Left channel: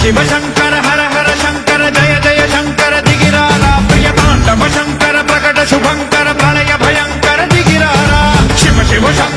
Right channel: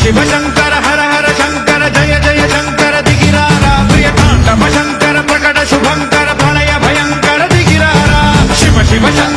शिव शंकर हर हर शंकर जय जय शंकर दिगिरारा प्रिय तांडव शंकर प्रकट शुभंकर प्रणय भयंकर दिगिरारा शिव शिव शंकर